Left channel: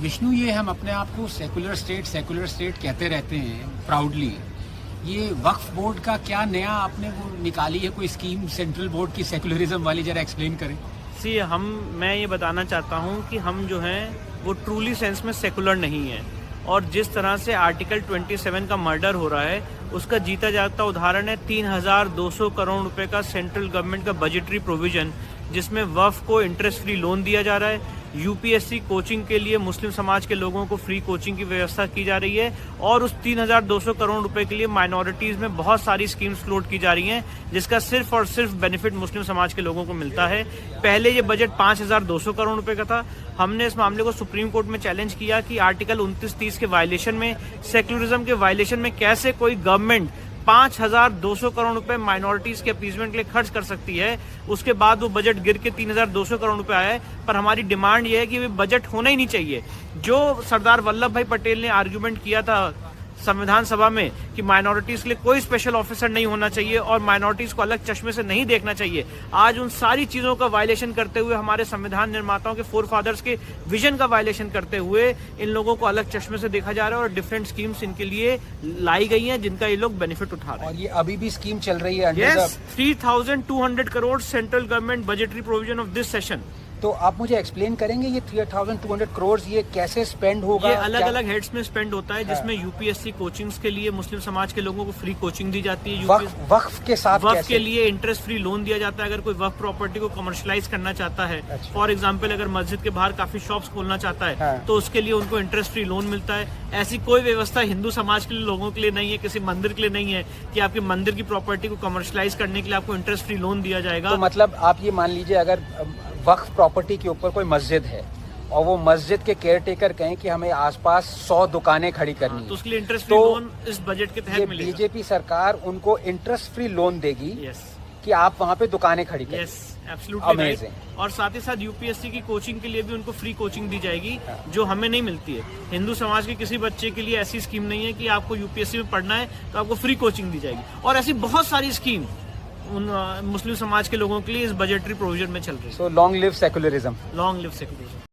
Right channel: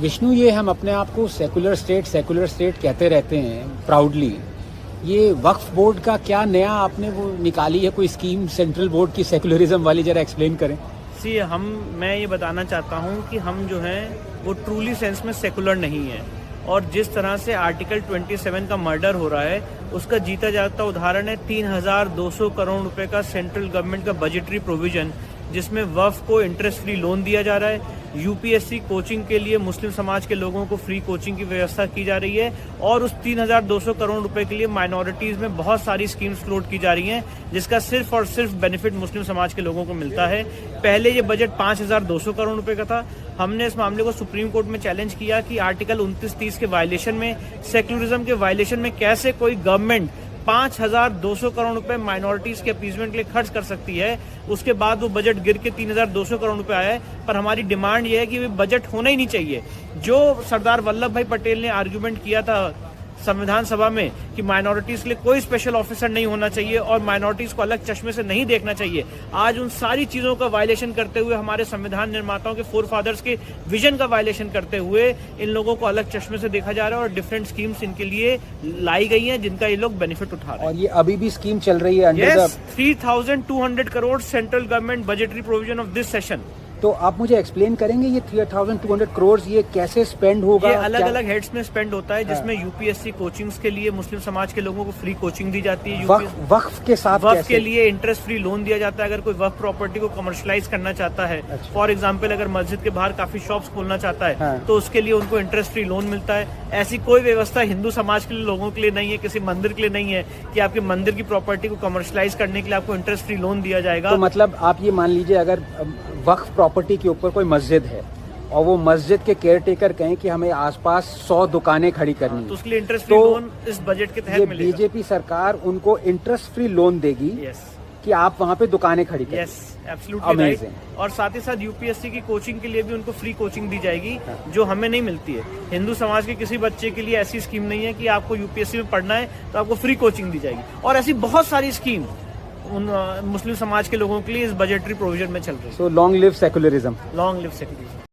विष्णु, ये हम अपने आप को सेकुलर स्टेट कहते रहते हैं प्राउडली। ये वक्फ बोर्ड का क्या नया आपने वो निकाली है कोई स्कीम सेंट्रल बोर्ड की सेकुलरिज्म वाली, जरा एक्सप्लेन करें। मैं ये बताना चाहता हूँ कि हम जो हैं वो ट्रूली सेंस में सेकुलर नहीं है, और जिस तरह से आर्टिकल 27 का मर्डर हो रहा है उसका जीता जागता उदाहरण है 3200 करोड़ रुपए का सेंट्रल गवर्नमेंट का बजटरी प्रोविजन, जिसमें वक्फ को इंटरेस्ट फ्री लोन दिया जा रहा है। यूपीएससी कोचिंग के लिए मुस्लिम समाज के लोगों को फ्री कोचिंग की व्यवस्था की जा रही है, और उस 3200 करोड़ रुपए के लिए माइनॉरिटीज में बहुत सारी स्कीम्स फ्लोट की जा रही हैं, जिसका सिर्फ और सिर्फ बेनिफिट मुस्लिम समाज के लोगों को मिलता है। पहले ये बजट 5200 करोड़ रुपए का था। हमने इस मामले को सुप्रीम कोर्ट में चैलेंज किया कि आर्टिकल 29-30 के वायलेशन में, सेक्युलरिज्म के वायलेशन में कैसे कोई गवर्नमेंट 5200 करोड़ रुपए माइनॉरिटीज के अपीजमेंट के लिए खर्च कर सकती है। उसके बाद वो बजट गिर के 3200 करोड़ रुपए आया है। पर हमारी डिमांड ये है कि बजट होना ही नहीं चाहिए। जो सरदार वल्लभ भाई पटेल ने आर्गुमेंट किया था संविधान सभा में कि माइनॉरिटीज के लिए कोई स्पेशल ऑफिसर नहीं होना चाहिए और माइनॉरिटीज को अलग चश्मे से नहीं देखना चाहिए, आज उन सारी चीजों का वायलेशन करते हुए, हमारे संविधान निर्माताओं के फोरफादर्स के विजन का वायलेशन करते हुए इन लोगों को अलग चश्मे से देखा जा रहा है और डिफरेंट स्कीम्स इनके लिए लाई गई हैं जिनका ये लोग बेनिफिट उठा रहे हैं। ये अभी भी स्कीम चल रही है। Yes, 3200 crore central government budgetary provision of this session. तो आप मुझे एक्सप्लेन करेंगे ये 3200 करोड़ ये कैसे स्पेंड होगा? ये अलग अलग हेड्स में स्पेंड होता है, जिसमें यूपीएससी कोचिंग्स के लिए मुस्लिम समाज के लोगों को फ्री कोचिंग दी जाती है। वक्फ के साथ वक्फ के लिए इंटरेस्ट फ्री लोन दिया जाता है। अगर कोई वक्फ प्रॉपर्टी को कमर्शलाइज करना चाहता है, फॉर एग्जाम्पल अगर मस्जिद के बाहर काफी शॉप्स खोलना चाहता है तो उसके लिए उनको इंटरेस्ट फ्री लोन मिलता है। ऐसी कोई व्यवस्था हिंदू समाज के लिए लोगों के लिए नहीं है, किसी मंदिर के लिए नहीं है कि आपके मंदिर की प्रॉपर्टी को कमर्शलाइज करने के लिए आपको इंटरेस्ट फ्री लोन दिया जाएगा। तो मतलब आप ये मान लीजिए, अगर वक्फ प्रॉपर्टी के ऊपर कोई मस्जिद है और वो मस्जिद के केयर टेकर कहें कि हमें आसपास 100 दुकानें खड़ी करनी है, तो उसके लिए इंटरेस्ट फ्री लोन इस बजट के तहत मिलेगा। बीजेपी सरकार उनको इंटरेस्ट फ्री लोन देगी। यस, कि आप वहाँ पे दुकानें खड़ी करें। Yes, absolutely right. और साथ ही साथ यूपीएससी की कोचिंग के लिए भी उनको फ्री कोचिंग दी जाएगी, जो हमें नहीं मिलती है। हिंदू समाज के किसी बच्चे के लिए ऐसी स्कीम नहीं है कि आपको यूपीएससी में पढ़ना है तो आपको फ्री कोचिंग दी जाएगी, और ऐसी बहुत सारी स्कीम उन मुस्लिम समाज के लोगों के लिए इस बजटरी प्रोविजन में चल रही है। Long live secularism. Long live secularism.